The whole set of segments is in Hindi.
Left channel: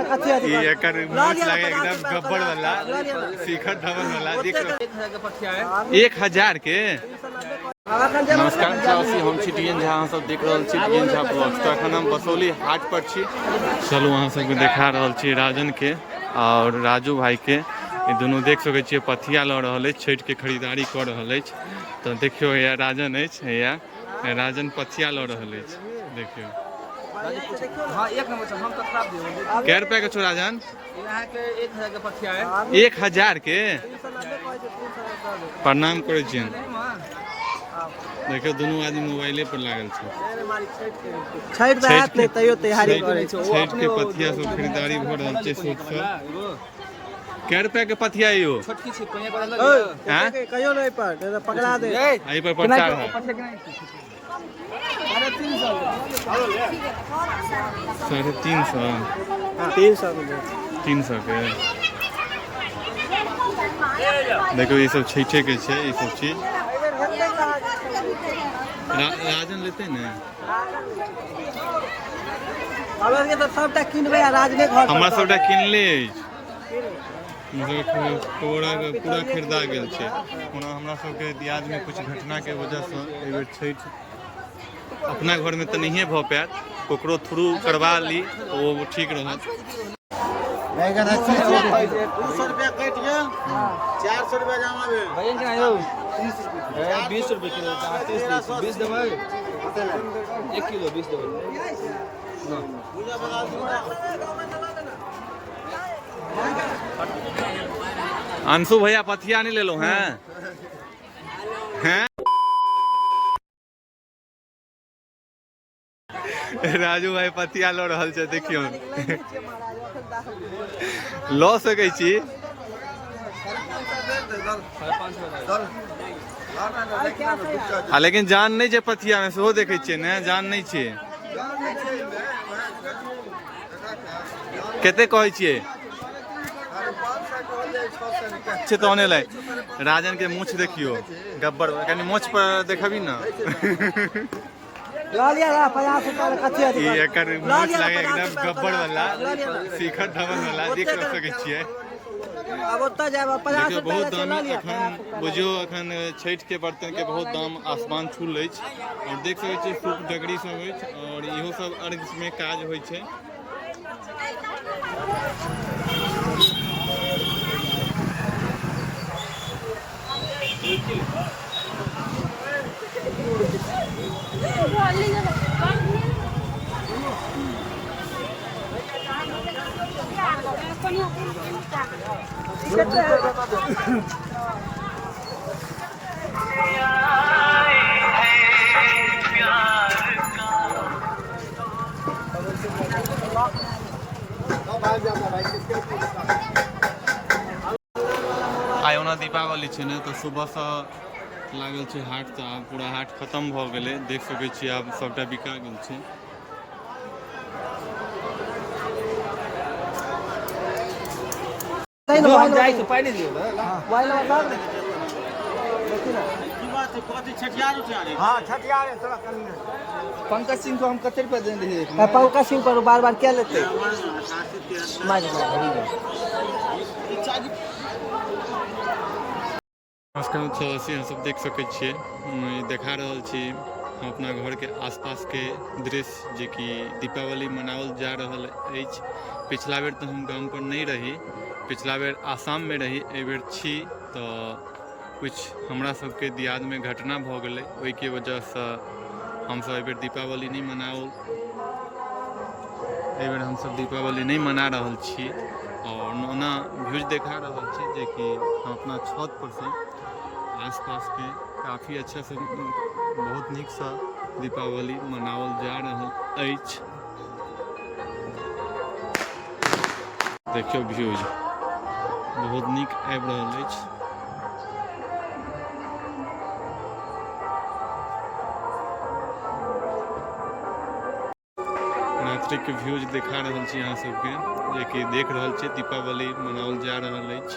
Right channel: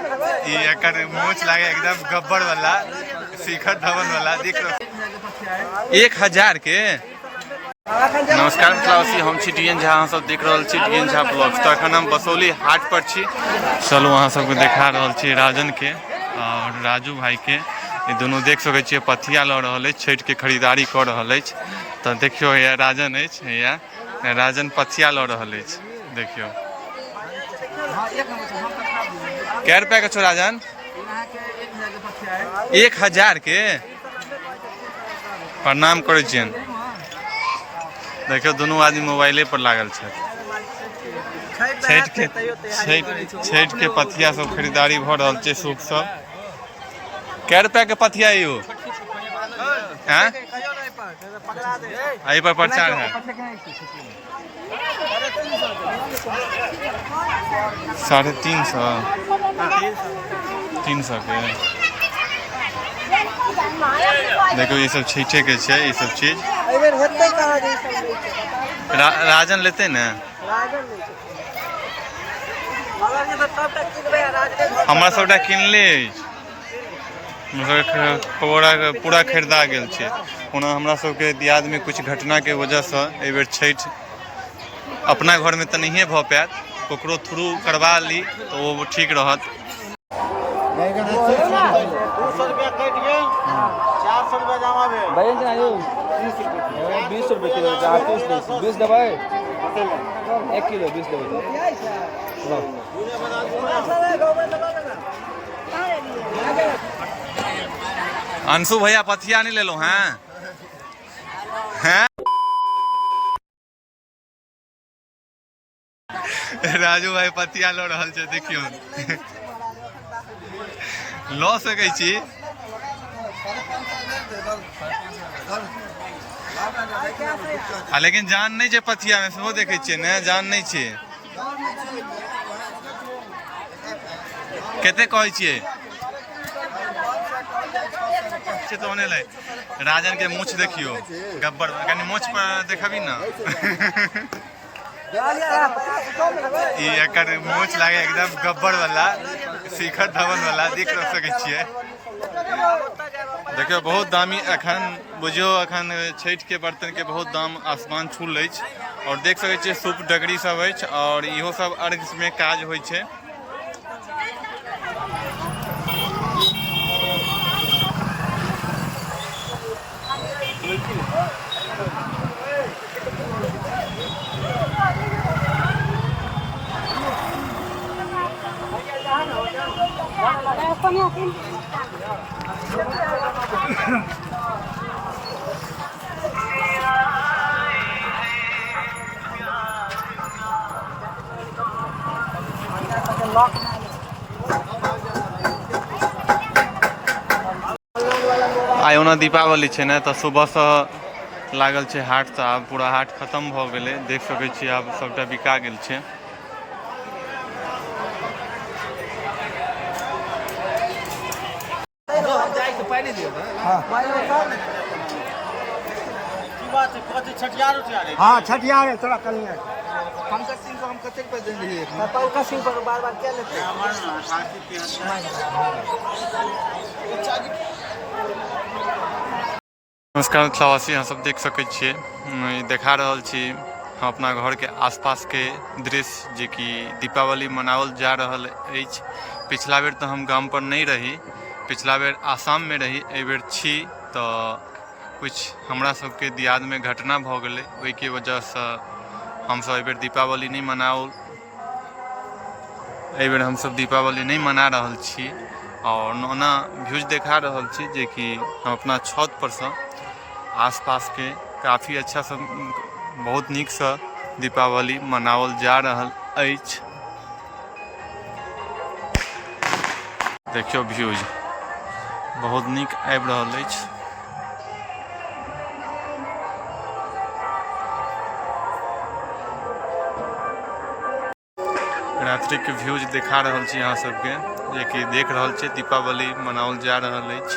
एकर मूछ लागे एकदम गब्बर वाला शिखर धवन वाला देख रहे 1000 के। नमस्कार क्लासी, हम छी डीएन झा, अहाँ सब देख रहल छी डीएन झा ब्लॉग्स। तो अखन हम बसौली हाट पर छी। चलू अहाँ सबके देखा रहल छी राजन के और राजू भाई के। ये दोनों देख सकै छियै पथिया लऽ रहल अछि, छठि के खरीदारी कऽ रहल अछि। तो देखियो या राजन अछि, या राजन पथिया लऽ रहल अछि। देखियो कै रुपया के छौ राजन? 1000 के। प्रणाम करै छियन। देखियो दोनों आदमी मोबाइले पर लागल छै। छठि के पथिया सब खरीदारी भ रहल छै। सूप सब कै रुपया के पथिया यो? एहि पर प्रचार है 350 के। देखो ये सब छठे के छै, ये सब चीज राजन लेते न। हमरा सबटा किनले पूरा खरीदा गेल छै। ओना हमरा सबके दियाद में कुछ घटना के वजह से एहि बेर छठि अपना घर में तो नहीं भ पायत, ककरो थ्रू करवा ली तो वो ठीक रहत। 200 रुपया कट गया, 400 रुपया जमा भेल। 20 रुपये किलो, 20 दबाए 1 किलो 20 दबाए। अंशु भैया पथिया नहीं ले लो हैं? राजू भाई पथिया लो रहल छै, देखियो लऽ सकै छी। लेकिन जान नहीं छै पथिया में, सेहो देखे छियै ने, जान नहीं छै। कते कहै छियै? राजन के मूछ देखियो गब्बर, कनी मूछ पर देखबी ना। एकर मूछ लागे एकदम गब्बर वाला शिखर धवन वाला देख सकै छियै। देखियो बहुत दामी अखन बुझियो, अखन छठि के बर्तन के बहुत दाम आसमान छूल अछि। और देख सकै छियै सूप डगरी सब अछि, और इहो सब अर्घ में काज होइ छै। आइ ओना दीपावली छै ने, तो सुबह से लागल छै हाट। तो आब पूरा हाट खत्म भ गेलै, देख सकै छियै आब सबटा बिका गेल छै। छठियार है थोड़ा कमी है। पंकज सिंह को हम कते रुपया दे रही है? पंकज सिंह पर बार बार क्या लेते हैं? नमस्कार प्रवासी, अहाँ सब देख सकै छियै देखा रहल छी हम अपना घर के आसपास के दृश्य, जे कि दीपावली मनावल जा रहल अछि। पिछला बेर तो हम गाम पर नहीं रही, पिछला बेर आसाम में रही, एहि बेर छी। तो कुछ हमरा सबके दियाद में घटना भ गेलै, ओहि के वजह से हम सब एहि बेर दीपावली नहीं मनाओल, एहि बेर हम सब दीपावली नहीं मना रहल छी। और ओना व्यूज देखा रहल छी, जे कि हम अपना छत पर से आसपास के काफ़ी अच्छा से बहुत नीक से दीपावली मनावल जा रहल अछि। देखियो व्यूज बहुत नीक आबि रहल अछि। रात्रि के व्यूज दिखा रहल छी अहाँ सबके, जे कि देख रहल छी दीपावली मनावल जा रहल अछि।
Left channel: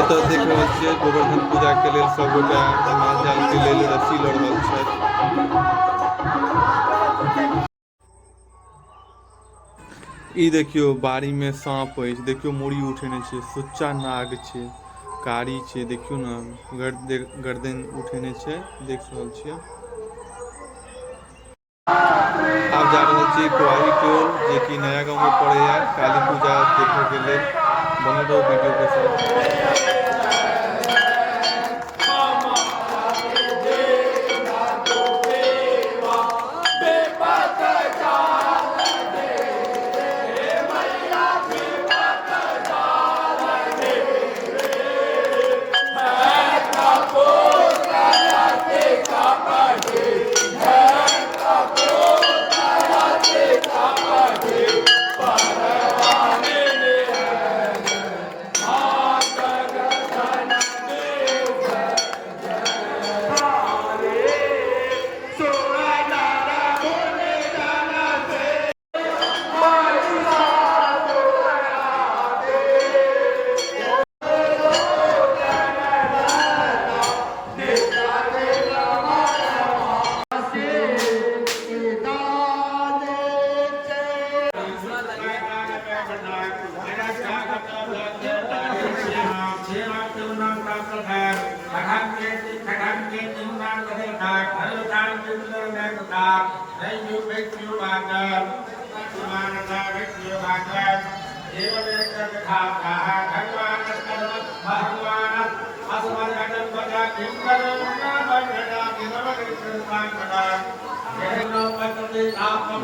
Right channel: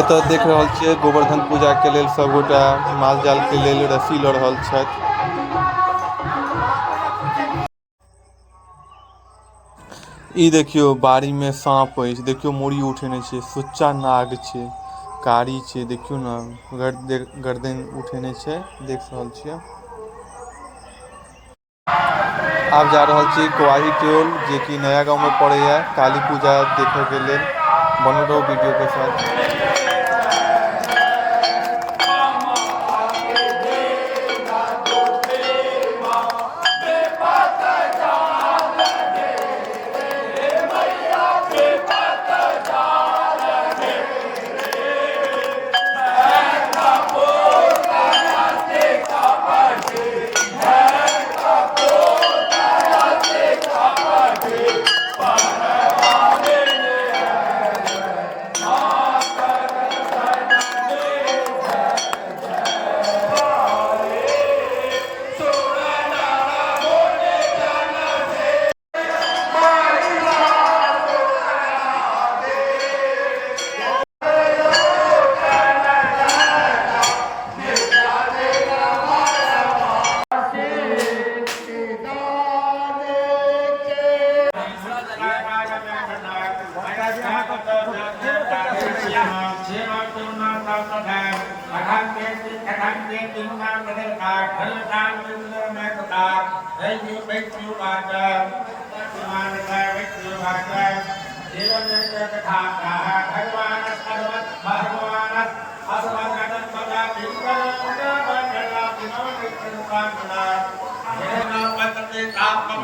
एतऽ देख रहल छियै गोवर्धन पूजा के लेल सब गोटा माल जाल के लेल रस्सी लऽ रहल छथि। ई देखियो बाड़ी में सांप है, देखियो मुड़ी उठेने छे, सुच्चा नाग छे, कारी छे, देखियो ना गर्दन उठेने छे, देख रहल छियै। आब जा रहल छी कोआही टोल, जे कि नया गांव में पड़े है, काली पूजा देखे के लिए। बनल रहो वीडियो के साथ।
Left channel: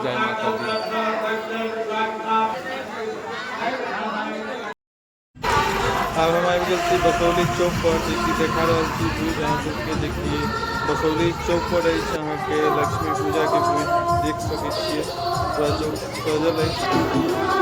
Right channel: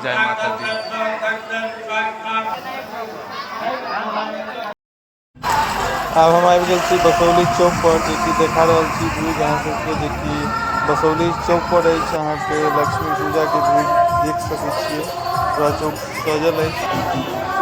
जय माता दी। अब हम आबि गेल छी बसौली चौक पर, जे कि देखा रहल छी व्यू अहाँ सबके, जे कि बसौली चौक पर अछि अहाँके लक्ष्मी पूजा के व्यू देख सकै छियै, पूरा चौक सजल अछि।